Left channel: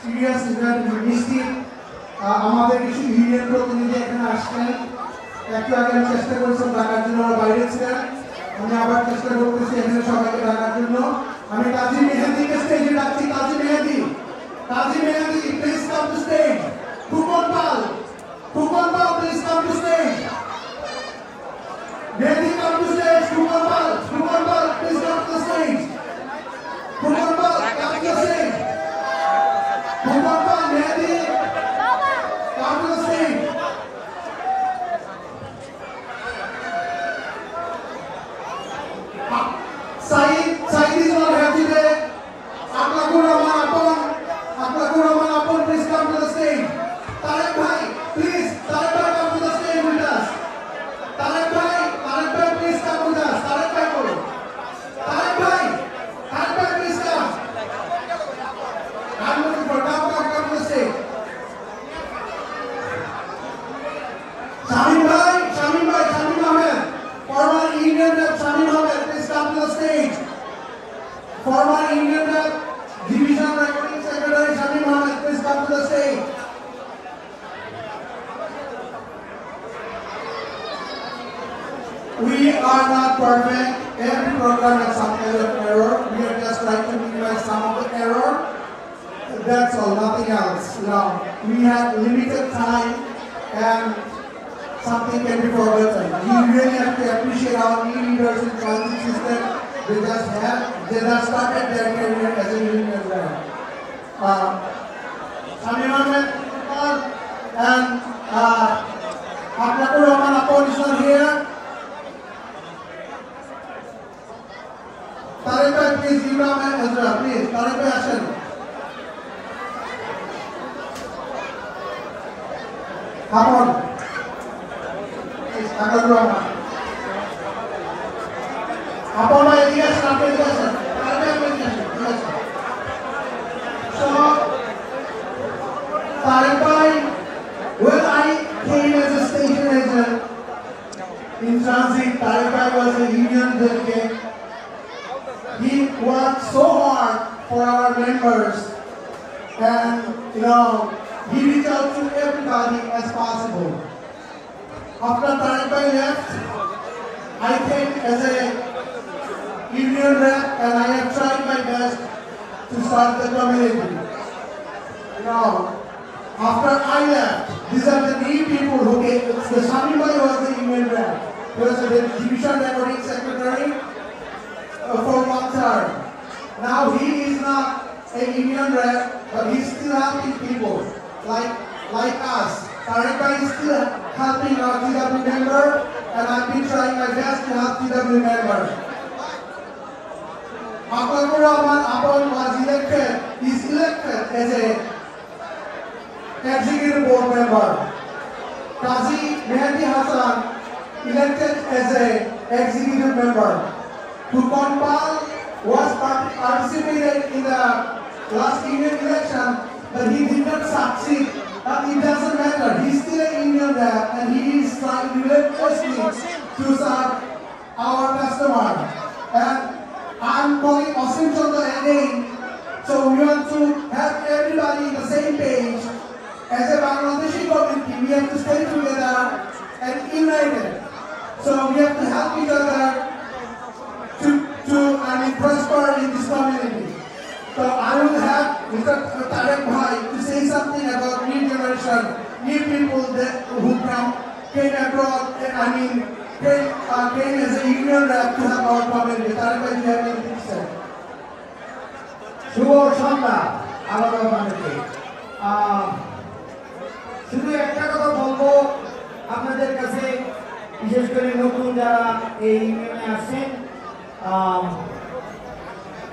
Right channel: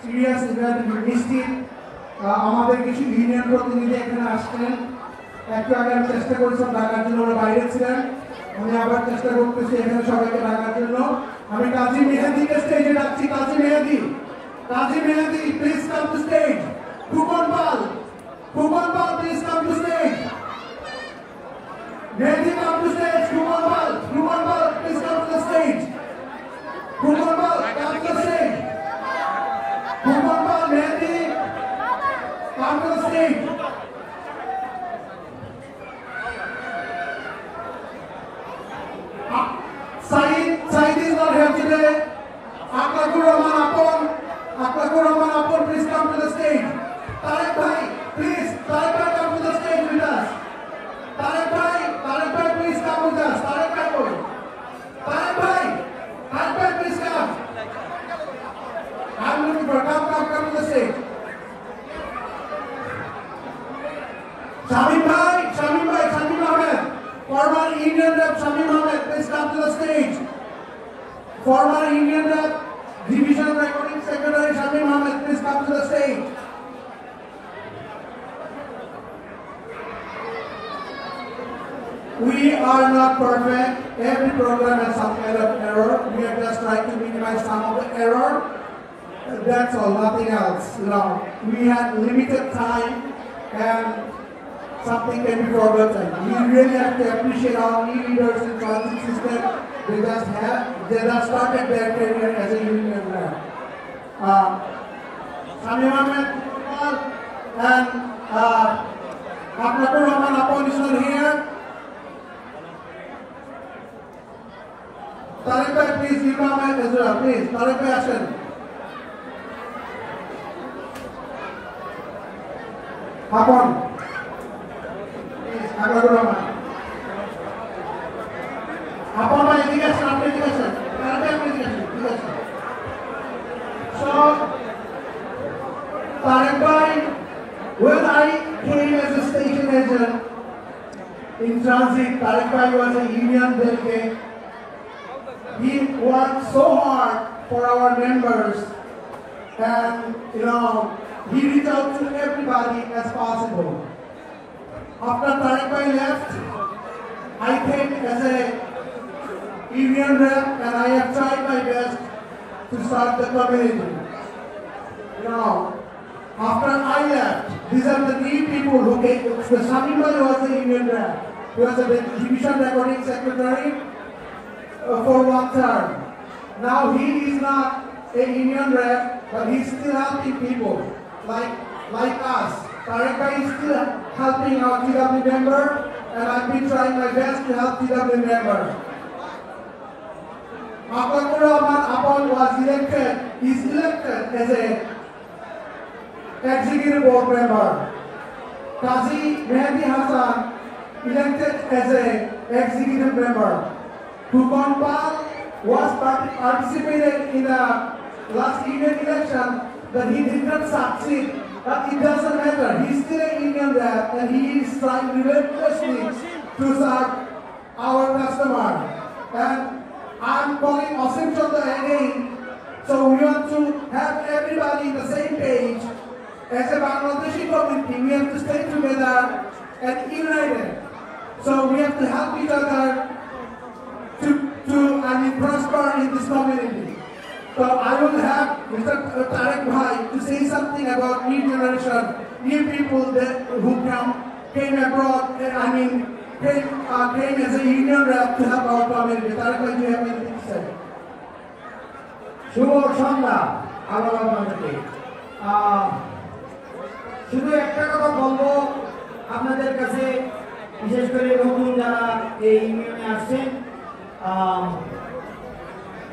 Serious event নিশ্চিত আমাদের কিছু ইউনিয়ন প্রতিনিধি এখানে আসছেন একটু আগে আমি চেষ্টা করেছিলাম ডাকার জন্য ওরা বাইরে ছিলেন আমি আবার চেষ্টা করতেছি এখানে সবাইকে ডাকার জন্য আমি কাজী মেহেদিকে স্টেজে ডাকছি Kazi Mehedi please come to stage Phukan Pal please come to stage Mehdi come to stage Fukan Pal please come to the stage Fukan Pal come to the stage Fukan Pal Mehdi come to the stage Said is not here today. Akhlaqur Rahman Apon, please come to the stage. Tarek Bhai, please, Tarek Bhai come to the stage with us. Tarek Bhai, please come with us. Tarek Bhai, please come. I'm looking for come to the stage. Shamim Ahmed, former Indian Rep Shamim Ahmed, please come to the stage. Former Indian Rep Division Recording Secretary Shamim Ahmed, please come to the stage. We are not perfect. Every program has some kind of error. We are just trying to minimize some of the error. That's all, nothing else. We have limited time and something can be forgotten. We really have to appreciate our new leaders in transit system. They just started their career as a union rep. Shamim Ahmed and Akhlaqur Rahman Apon is not here. Tarek Bhai, please, you come and Ezra, please. Tarek Bhai, action. Apon. Please, Akhlaqur Rahman. Apon Bhai, yes, Tarek Bhai, action. Tarek Bhai, please, yes. So, Tarek Bhai, when I came as a station agent in transit, Tarek Bhai was a union delegate. He worked so hard for our members and he reached out to everybody as possible. After Tarek Bhai left, I came as a union rep and I have tried my best to start the community. After I left, these are the new people who came. The Shamim Bhai was the union rep. He was the division recording secretary for one term. Now he is not a union rep, but he's still helping people like us. Tarek Bhai is still helping our TW member, and I've been trying my best to help TW member. Akhlaqur Rahman Apon is elected as a executive board member. Qazi Mehdi Hassan elected as a executive member. Fukan Pal was participated in the last Indian election, but he did not succeed. But it doesn't matter. He's still an Indian rep, and he is trying relentlessly to serve our customer. And I'm calling Asim Chandra again. So we want to have everybody in the same page. As a Bangladeshi community, we have to stay together and united. So we have to help each other to prosper in this community. So I will have Mr. Tarek Bhai to say something about new generation, new people who came abroad, came as a union rep to help our community. Tarek Bhai, do you have anything to say? শুভ সন্ধ্যা আমাদের মানুষকে শুধু একটা কথা বলবো আপনাদের কাছে, বিশেষ করে নতুন যারা এই ইউনিয়নে আসছেন,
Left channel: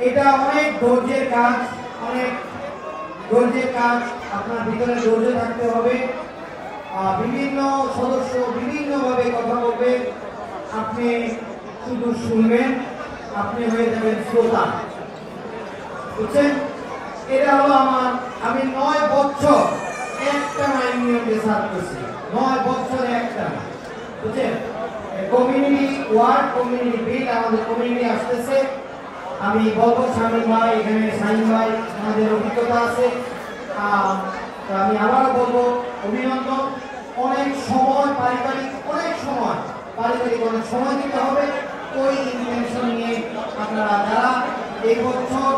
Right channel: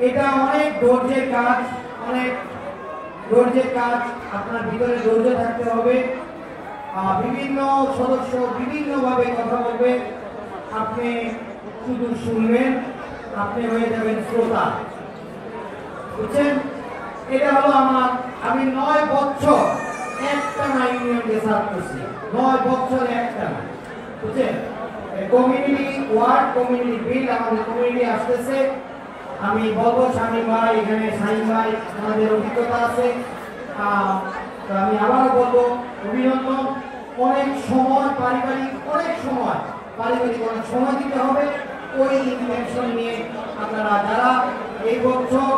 এটা অনেক ধৈর্যের কাজ, আপনার ভিতরে ধৈর্য থাকতে হবে। বিভিন্ন সদস্য বিভিন্নভাবে কথা বলবে, আপনি শুধু শুনবেন, আপনি হয়ে যাবেন শ্রোতা, বুঝছেন? এটা হলো আমি 9 বছর একটা ইউনিয়নকে সার্ভ করছি, 9 বছরে একটা, বুঝছেন? কমিউনিটি ওয়ার্ড, কমিউনিটি বিল, আমাদের কমিউনিটি আসতেছে। আমি বলবো শামীম ভাই, এখানে সাইম ভাই, আমাদের অভিজ্ঞতা আছে, তো আমি আবারও বলবো অভিনন্দন। অনেক সময় পারিবারিক অনেক সময় দিতে হবে। ওই ইন্টেনশন নিয়ে আপনারা যারা এই বছর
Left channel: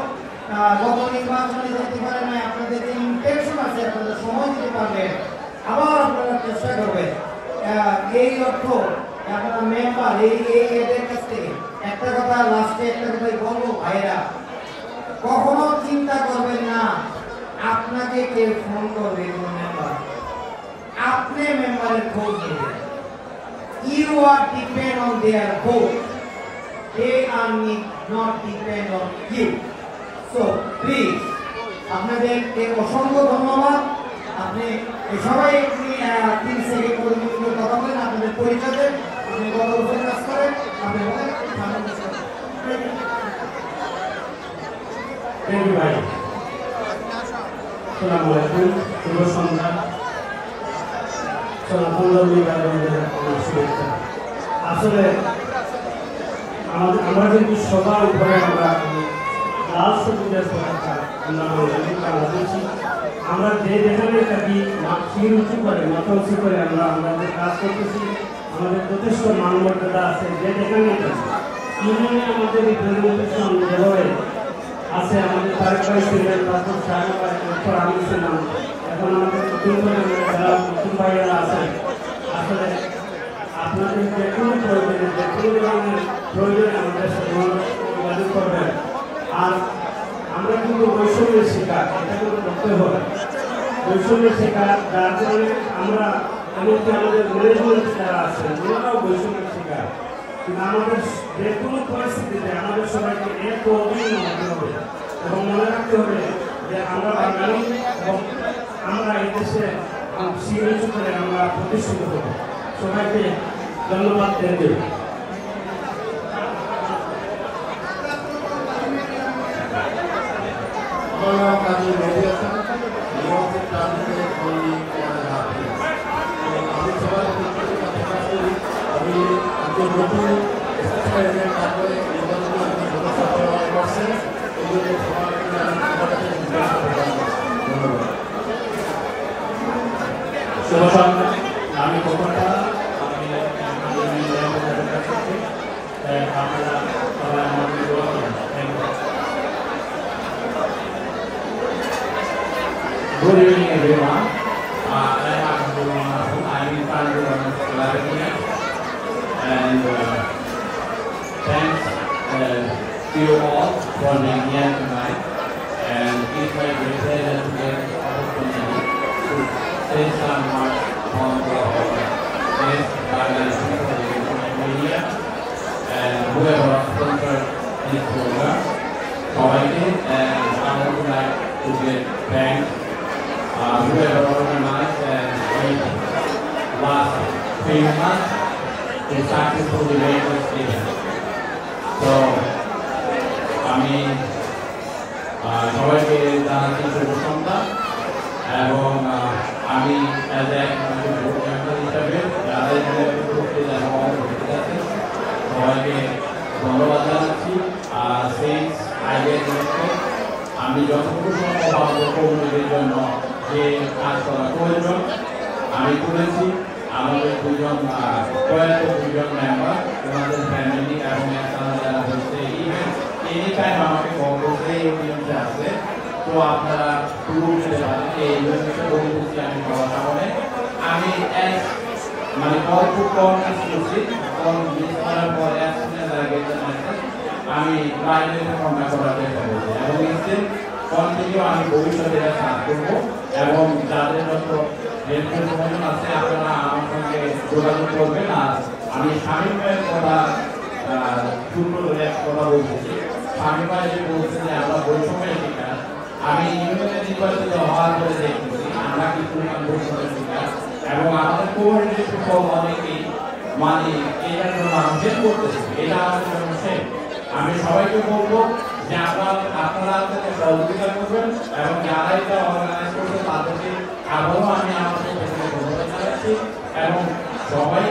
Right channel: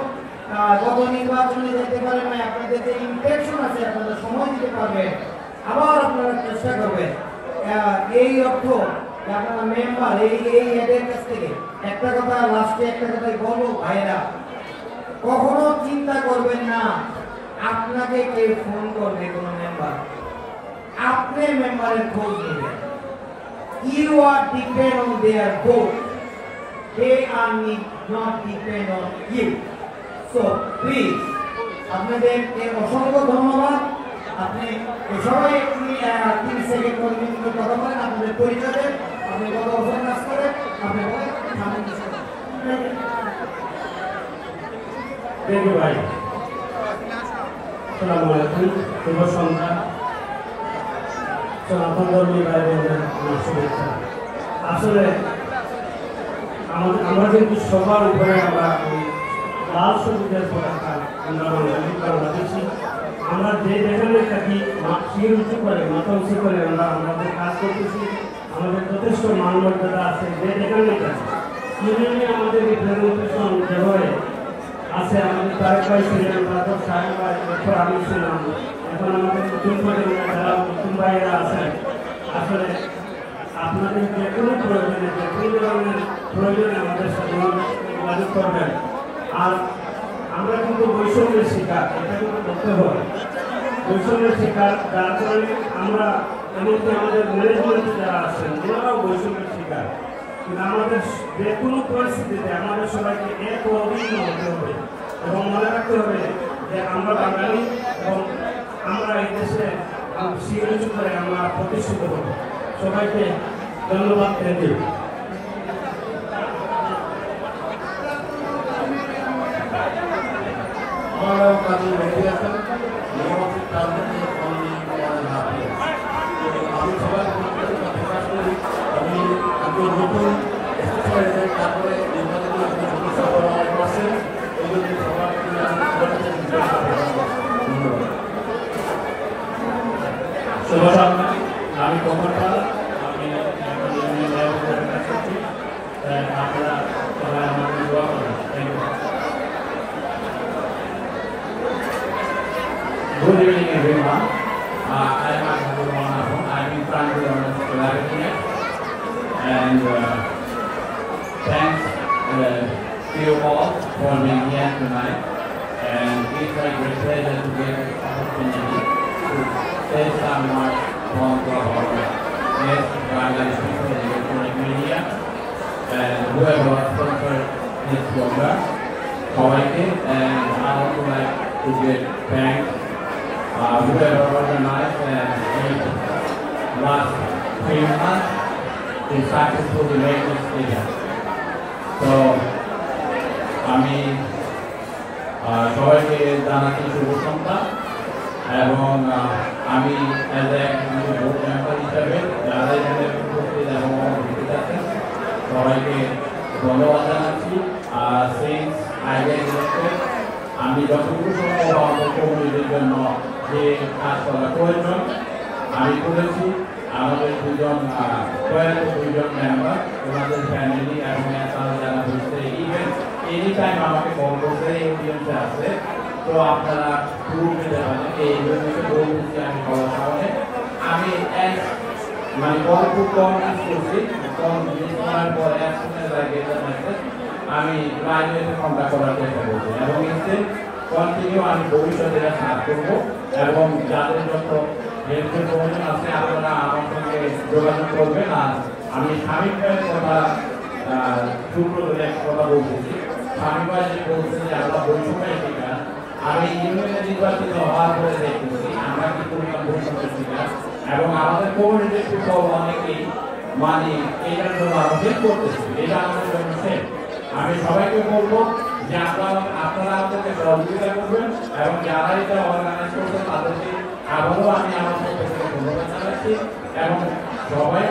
গত নির্বাচনে যেতে পারে না, আপনাদের যে ইন্টেনশন আছে আপনারা সময় দিতে পারবেন, আবার আপনারা চেষ্টা করবেন। এই অর্থ আপনারা মেম্বার এই এদের কাছ থেকে একটা কথা লাস্টে একটা কথাই বলবো ভাইরা, কখনো চিন্তা করবেন না আপনাকে কেউ ফোন করবে কোন মেম্বার, আপনি মেম্বারের খোঁজ নেবেন। You are depend on their vote. They are not depend on you. So please, আপনাদেরকে অসংখ্য ধন্যবাদ। আপনি সবাই একটি 3 সেকেন্ড পর্যন্ত কথা বলেন, আপনাদের পরিচয় দেন, আপনি কত বছর কাজ করেন, আপনি বলেন। থ্যাংক ইউ ভাই। আসসালামু আলাইকুম, শুভ সন্ধ্যা। সনাতন ধর্মী ভাইদের শুভেচ্ছা। আসলে আমরা কিন্তু সবার উপরে আমরা লাল সবুজের পতাকা আমরা বাংলাদেশি, আমরা যে যেখানে থাকি শির উঁচু করে মাথা উঁচু করে আমরা আমাদের কাজ করতেছি। আমাদের যথেষ্ট মানমর্যাদা আছে যে যেখানে থাকি। ইউনিয়নে আমাদের রিপ্রেজেন্টেশন যেভাবে আছে, আমাদের তারেক ভাই ছিলেন, তারপর সাহেব ভাই, তারপর আমি ছিলাম, এখন আমাদের নতুন প্রজন্মের যারা নতুন ভাইয়েরা আছেন। আসলে আপনাদের যে কোনো প্রয়োজনে যে কোনো ধরনের প্রয়োজনে আমাদের সাথে যোগাযোগ করবেন। আর আমরা কিন্তু বৈষম্যের শিকার, এটা কিন্তু করতে হবে। বৈষম্যের শিকার যার কারণে আমরা এমনকি আমাদের ম্যানেজমেন্ট যারা আছেন ওনারাও বৈষম্যের শিকার। কিন্তু আমাদের যে কোনো পরিস্থিতিতে আমাদের সবাইকে এক অভিন্ন হতে হবে এবং মনে রাখতে হবে যে আমরা বাঙালি এবং আমরা এই দেশে শির উঁচু করে আমরা প্রতিষ্ঠিত হব। সবাইকে ধন্যবাদ। Thank you. আমি সবাই প্রকাশ করি, আমি একজন নতুন তারপরে করছেন এই জন্য শুভ সন্ধ্যা। আমি কখনটা আমি আপনারা সবাই আমাকে দোয়া করেন। Thank you. Good evening, everyone. I am Abdul Nasser. I am in front of Slovenia, and thanks to you all for being here tonight. And it's my great pleasure to get the opportunity to say some words from our guest guidelines for the electronic media and whoever sponsored this program. So I did, and I would like to give thanks whoever organized and made last few months to successfully make this event. So, আমি সবাইকে জানাচ্ছি শুভ সন্ধ্যা এবং আমি as a vote member হিসাবে যারা এখানে উপস্থিত এবং উপস্থিত আছেন সবাইকে ধন্যবাদ জানাচ্ছি। সেই আইডিয়া ইলেকটেড আমি যতটুকু সম্ভব আমাদের কমিউনিটির জন্য যে কাজ করা প্রয়োজন আমি করেছি। আমাদের দুজন প্রয়াত দুজন মেম্বার, ওনাদের ফ্যামিলি এবং তারা যারা হচ্ছে ইভেন এনি টাইম আমাকে কল করতে এই অডিয়েন্সে আসবে। তো আপনারা পুরো পেতে পারেন এই অডিয়েন্সে বলতেছি আমি সবার সামনে। আমি এক মানে কল খুব কম মিস করছি, কল মিস করার পর এক শুনে লাগে আমি লাইনে কন্ট্যাক্ট করার চেষ্টা করছি এবং ইনস্টেন্ট কন্টিনিউ আমি ভবিষ্যতে এটা সার্চ করবো এবং যাদের যত হেল্পের প্রয়োজন আছে আপনারা আমার সঙ্গে যোগাযোগ করবেন। আর আমি স্বামী ভাইয়ের কথা সূত্র ধরে একটা কথা বলতেছি। স্বামী ভাই যে বলছে যে আমরা বৈষম্যের শিকার, আমি ইউনিয়নে নির্বাচিত হওয়ার পরে দেখতেছি আমরা কি পরিমাণ বৈষম্যের শিকার এবং আমাদের কমিউনিটির পিপল অনেকেই মানে এটার জন্য আরো হেল্প করতেছে। এটা আমাদের জন্য সেম। আমি সবাইকে বলবো যে আপনারা আমাদেরকে সহযোগিতা করবেন এবং যারা এটা অর্গানাইজ করছে তাদেরকে আবারও আমি আমার পক্ষ থেকে ধন্যবাদ জানাচ্ছি এবং সবাই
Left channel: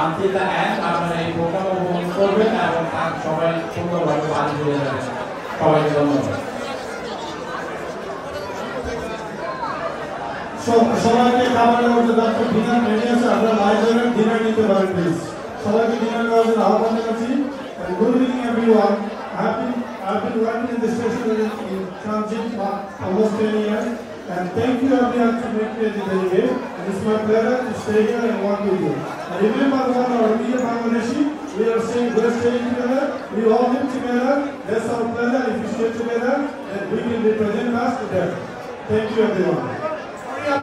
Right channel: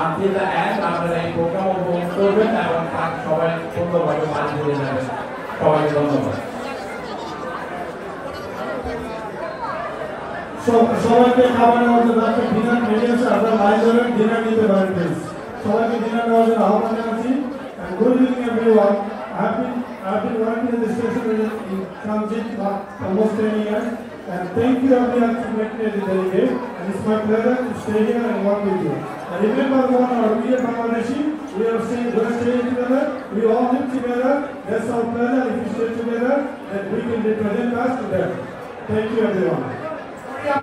আনটিল দ্য এন্ড আপনারা এই প্রোগ্রাম উপভোগ করবেন এবং সবাই সুন্দরভাবে বাড়ি ফিরে যাবেন। সবাইকে ধন্যবাদ। সবাইকে খাবারের মধ্যে রাখতে ডিনার রেডি আছে, আপনারা আয়োজনের ডিনার নিতে পারেন প্লিজ। সবাইকে ডিনার নেওয়ার জন্য আহ্বান জানাচ্ছি। And good evening everyone. I've been working in this station in transit for almost 10 years, and thank you everyone to make me the delegate. And it's my pleasure to stay here and work with you. And remember, we are Bangladeshi. We're staying together. We all live together. That's our pleasure. If we stay together, then we can represent us together. Thank you everyone.